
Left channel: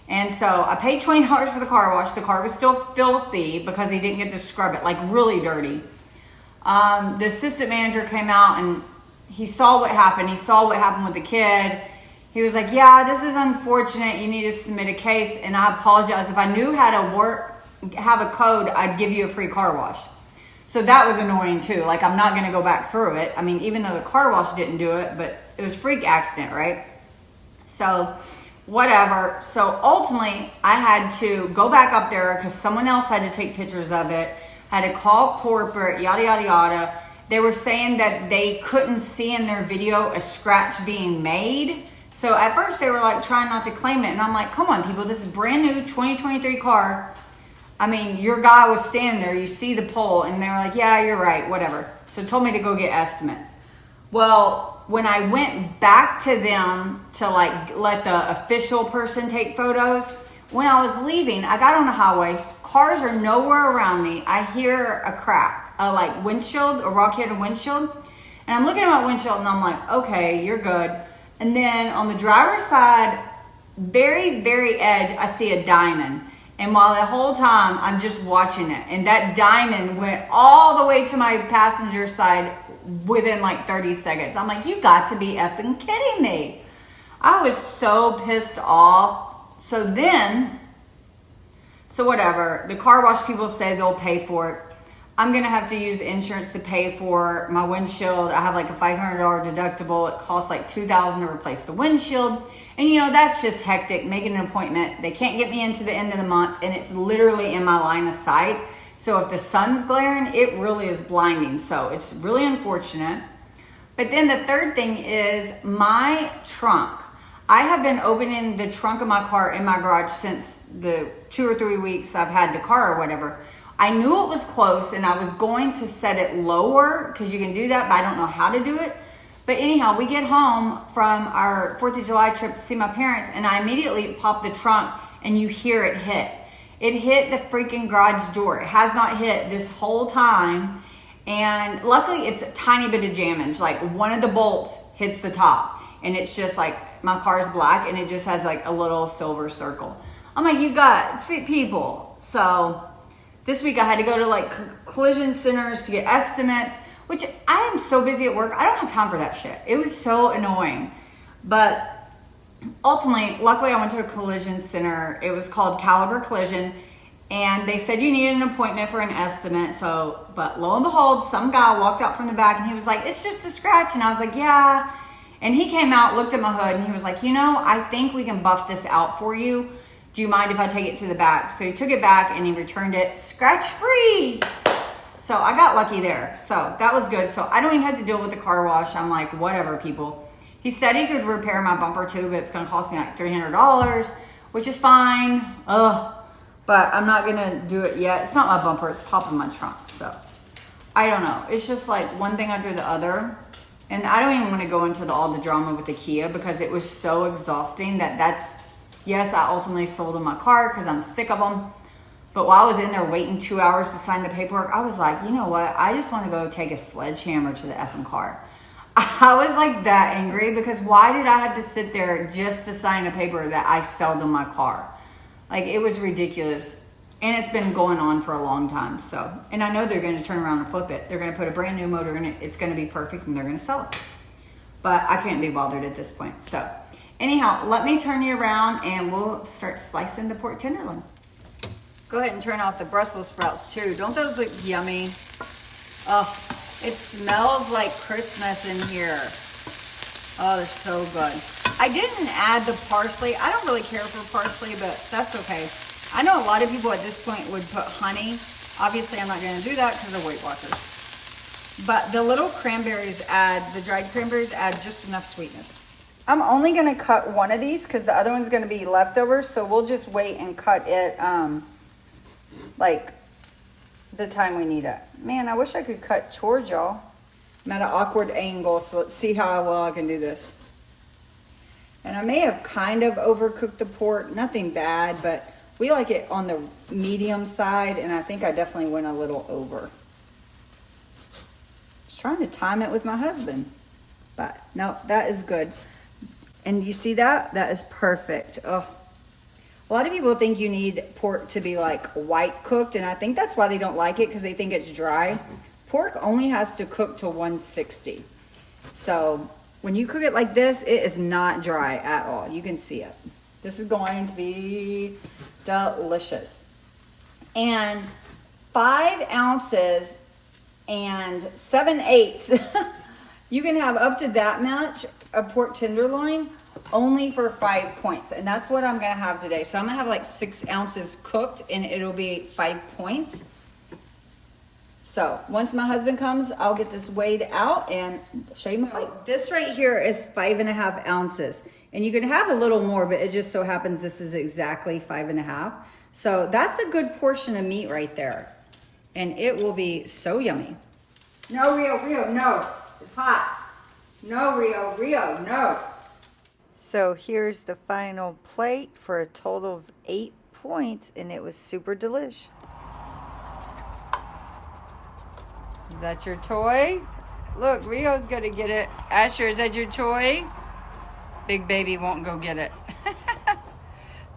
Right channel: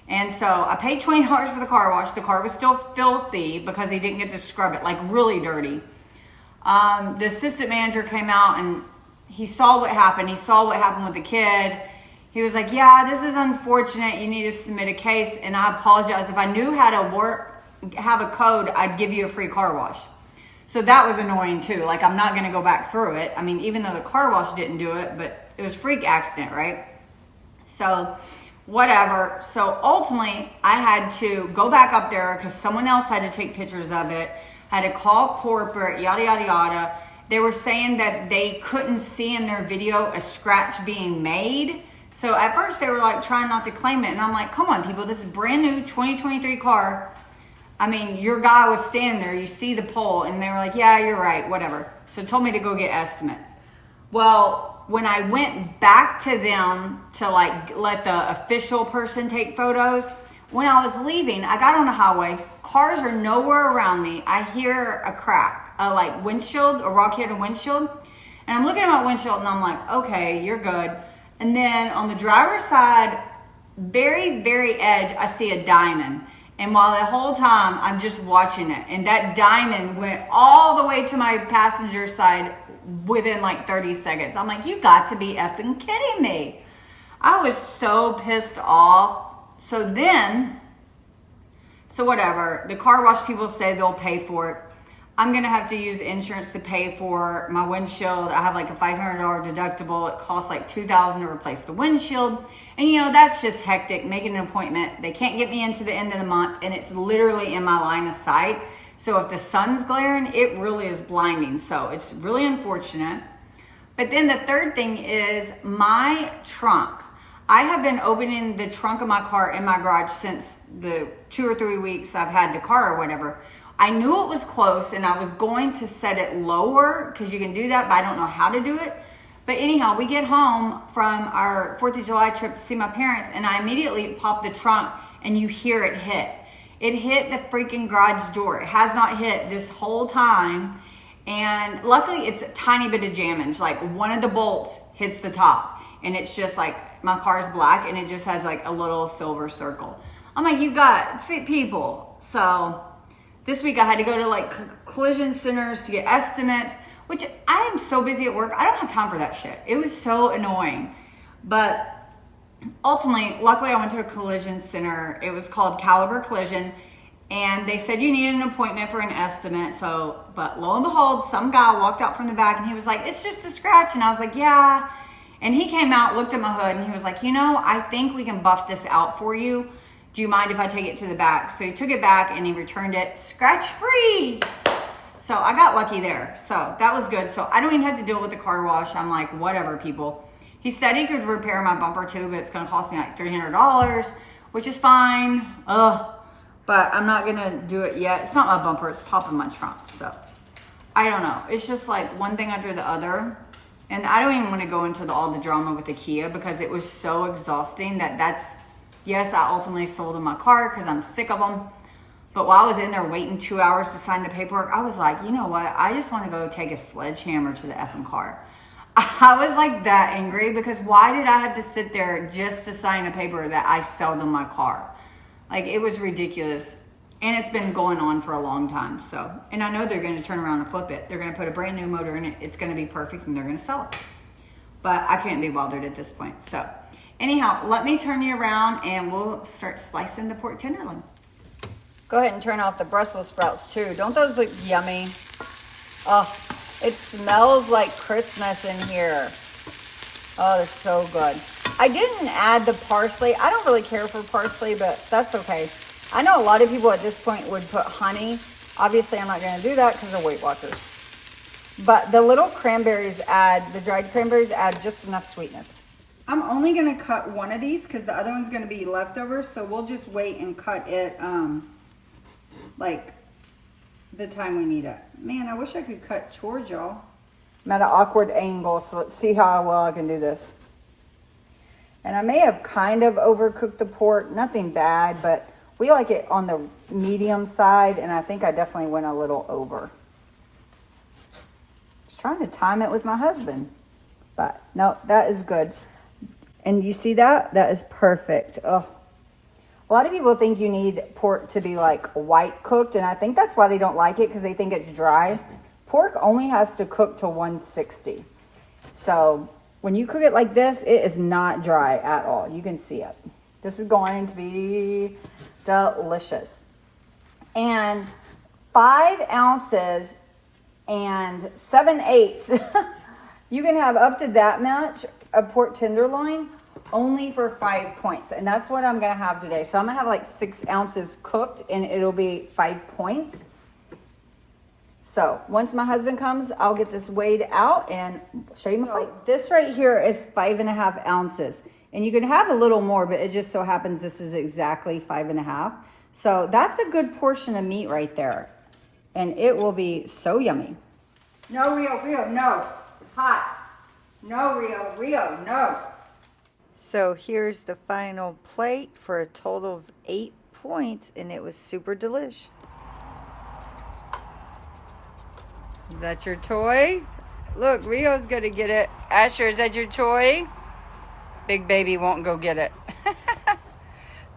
And so I paid $20 for the car wash. The car was still filthy because he didn't get to scrub it, like really dirty. The assistant manager came out and he saw what happened. He saw what happened with the kid. He was like, yeah, this is unfortunate. You need to submit a case. And I apologize. If I knew how to have a code, I'd give you a free car wash. So that was annoying too. Like, I'm not going to go back through it. I mean, even though the car wash didn't do it, but it was a freak accident, right? So whatever. So ultimately, I had to go back up there because someone else had to take pictures of it. Had to call corporate, yada, yada, yada. They were saying that they couldn't see in their video a scratch being made. So at first they were like trying not to claim it. And I'm like, come on people, this is a brand new 2023 car. I mean, your guy was standing there, you see the pole, and they were like, yeah, you're right, whatever. So told me to go get estimates. Well, when I went back to them to like let the official person take photos, when I was leaving, I got on the highway, cars are nowhere around me. I hear a crack, a like windshield, a rock hit a windshield. And I'm looking at my windshield and I'm like, okay, you're good. And then on the driver's side, very, very edge, I see a diamond. And while the whole time I'm just watching it, and that diamond went all the way to my passenger side within like 30 seconds. I'm like, you got to be effing kidding me. I was so pissed off. So whatever, the car wash people say they'll pay for it. I'm gonna have to use insurance to pay for my windshield. I have like a $500 deductible. It costs like $2,000 to replace the windshield. And you know, that's just hectic, making an appointment. They can't get me into the end of the month and it's literally in my line of sight. So if the sun's glaring, it really is blinding. So it's really unfortunate. But then the third thing is my trunk. I have been opening the trunk of my car in my garage since the 2 or 3 weeks I've had the car or whatever. I knew it was close and I was going to set it lower because you can do that, but I don't know how to do it. But anyhow, we get home from our 4th of July trip to see my parents and I immediately pop the trunk and you hear it hit. It hit the freaking garage door. It has not hit this whole time. And luckily it's a tiny bit of damage. Like one of the bolts hits the top and it's just like my car's black and it just has like a little silver circle. I'm like, you got people. So this week I had to go to like collision centers to get estimates, which I am so busy at work. I don't have time for that shit. It was so annoying. But ultimately, luckily I went to a collision center. It was called Caliber Collision. And they said you needed an appointment for an estimate. So, but lo and behold, some guy walked out from the back and he was like, it's just a scratch. And I was like, yeah. And he came out, looked at my hood and he was like, you know, I think we can buff this out for you. Do you mind if I take it to the back? So he took it back and he returned it scratch free. So I got lucky there. So that was good. So I don't even have to deal with the car wash. I'm like, whatever, people. He said he could repair my bumper too, but it's going to cost me like $300, which is fine. Ugh. But I'm not going to do it yet. It's not my bumper. It's top of my trunk. So I don't know. It's just like one thing after the other. And I don't even want to go into all the drama with the Kia because it was so exhausting yes, I ultimately sold him my car because I'm sick of them. But while I was in there waiting 2 hours to sign the paperwork, I was like, you know what? I just want to go take a sledgehammer to the effing car. I was like that angry because why did I have to sit there just to sign a paper that I sold him my car? Like, it was ridiculous. And it's been going on for a long time. So, and I know they're going to turn around and flip it. They're going to put a brand new motor in it. It's going to be perfect and they're going to sell it. But I can't be bothered at this point. So anyhow, let me turn you around and we'll start slicing the pork tenderloin. Go ahead and turn off the Brussels sprouts too. Don't those look yummy? Oh, it smells like Christmas in here. Oh, they're so good. I didn't add the parsley. I don't really care for parsley, but that's okay. I know a lot of people at this point would put honey. Obviously, I'm not going to do that because of Weight Watchers. But the little cranberries the dried cranberries add just enough sweetness. I'm only going to cut one of these because the other one's going to be leftovers. So we'll just wait and cut it like the time we need it. Man, I wish I could cut towards y'all. I'm at an awkward angle, so let's see how well I can do this. And I may have kind of overcooked the pork. Nothing bad, but we like it on the medium side, and I think I definitely went a little over. Just trying to time it with my husband. But no, that is good. And you see that? That is perfect. Oh, A lot of people think you need pork to be like white cooked, and I think that's why they don't like it, because they think it's dry. Pork only has to cook to 160. So when you cook it like this, it is not dry at all. You can see it. This is going to be delicious. And 5 ounces and 7/8. You can have up to that much of pork tenderloin only for 5 points. And that's what I'm gonna have today. So I'm gonna have like 6 ounces cooked, and it'll be 5 points. So once my husband comes, I'll get this weighed out and show you my plate. This right here is 5.5 ounces. And you can have a little more, but it just so happens this is exactly 5.5. So that's a good portion of meat right there. And it will be so yummy. No, Rio, no. It's hot. No, Rio, no. So here's the final plate for a total of 8 points, and it was super delish. Is that your toy? Look, Rio's gonna get it. Asher, is that your toy? Big baby won't go get it.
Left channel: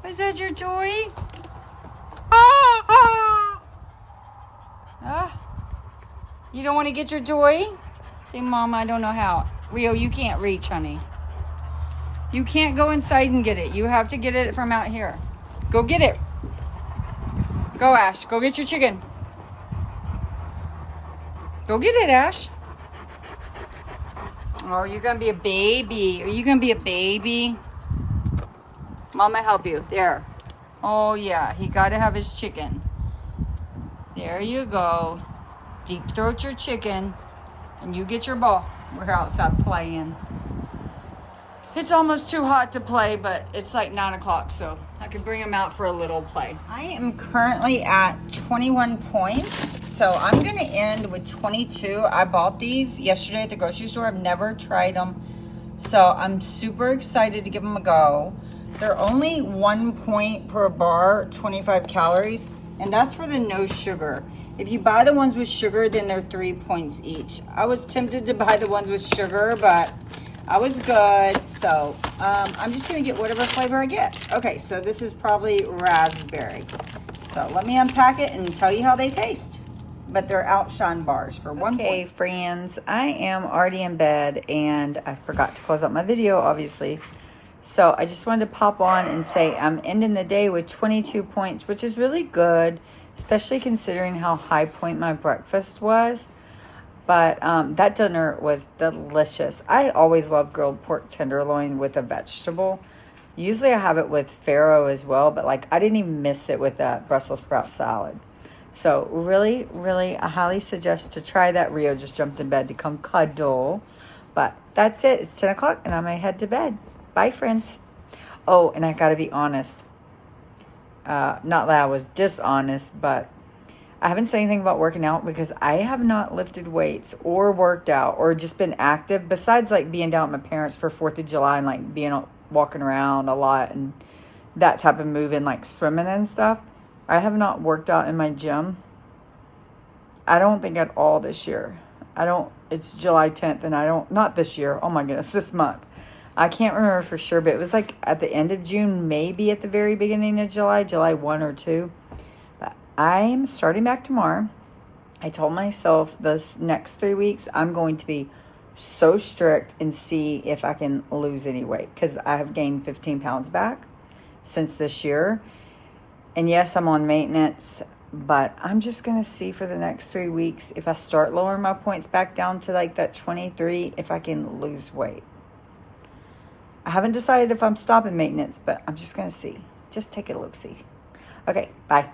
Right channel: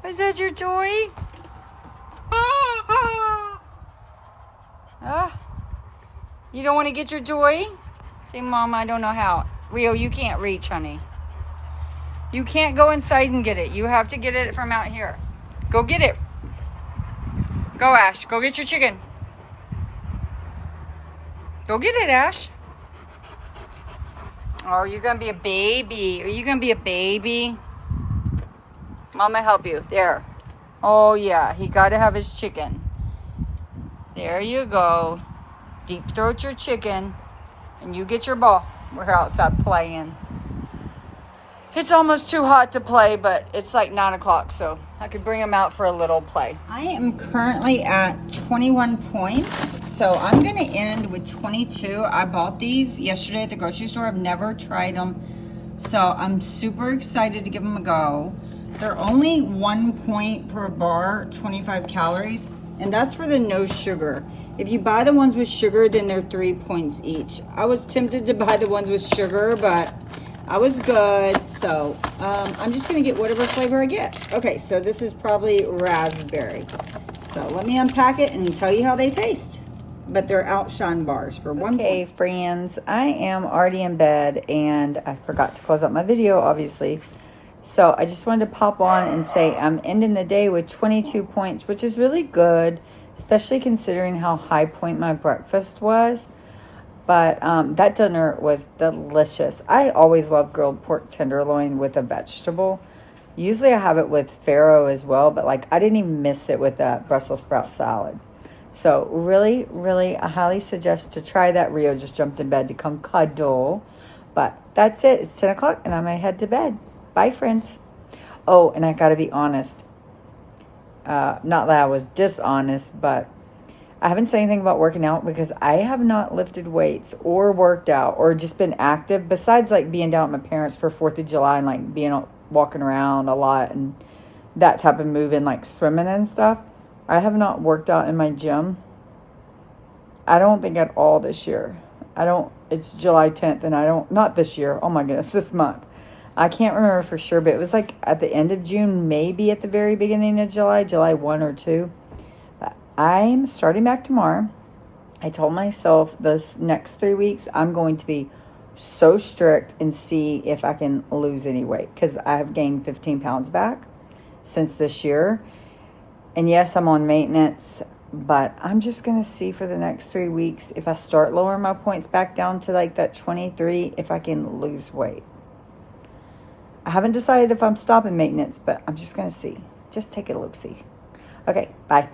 Is that your toy? You don't want to get your toy? Say, Mom, I don't know how. Rio, you can't reach, honey. You can't go inside and get it. You have to get it from out here. Go get it. Go, Ash. Go get your chicken. Go get it, Ash. Oh, you're going to be a baby. Are you going to be a baby? Mama help you. There. Oh, yeah. He got to have his chicken. There you go. Deep throat your chicken. And you get your ball. We're outside playing. It's almost too hot to play, but it's like 9 o'clock, so I could bring him out for a little play. I am currently at 21 points. So I'm going to end with 22. I bought these yesterday at the grocery store. I've never tried them. So I'm super excited to give them a go. They're only 1 point per bar, 25 calories. And that's for the no sugar. If you buy the ones with sugar, then they're 3 points each. I was tempted to buy the ones with sugar, but I was good. So I'm just going to get whatever flavor I get. Okay, so this is probably raspberry. So let me unpack it and tell you how they taste. But they're outshine bars for 1 point. Okay, friends, I am already in bed, and I forgot to close out my video, obviously. So I just wanted to pop on and say I'm ending the day with 22 points, which is really good, especially considering how high point my breakfast was. But that dinner was delicious. I always love grilled pork tenderloin with a vegetable. Usually I have it with farro as well, but like I didn't even miss it with that Brussels sprout salad. So really, really, I highly suggest to try that. Rio just jumped in bed to come cuddle. But that's it. It's 10 o'clock and I might head to bed. Bye, friends. Oh, and I got to be honest. Not that I was dishonest, but I haven't said anything about working out because I have not lifted weights or worked out or just been active besides like being down with my parents for 4th of July and like being walking around a lot and that type of moving, like swimming and stuff. I have not worked out in my gym. I don't think at all this year. It's July 10th and not this year. Oh my goodness, this month. I can't remember for sure, but it was like at the end of June, maybe at the very beginning of July 1 or 2. But I'm starting back tomorrow. I told myself this next 3 weeks, I'm going to be so strict and see if I can lose any weight because I have gained 15 pounds back since this year. And yes, I'm on maintenance, but I'm just going to see for the next 3 weeks if I start lowering my points back down to like that 23, if I can lose weight. I haven't decided if I'm stopping maintenance, but I'm just going to see. Just take a look-see. Okay, bye.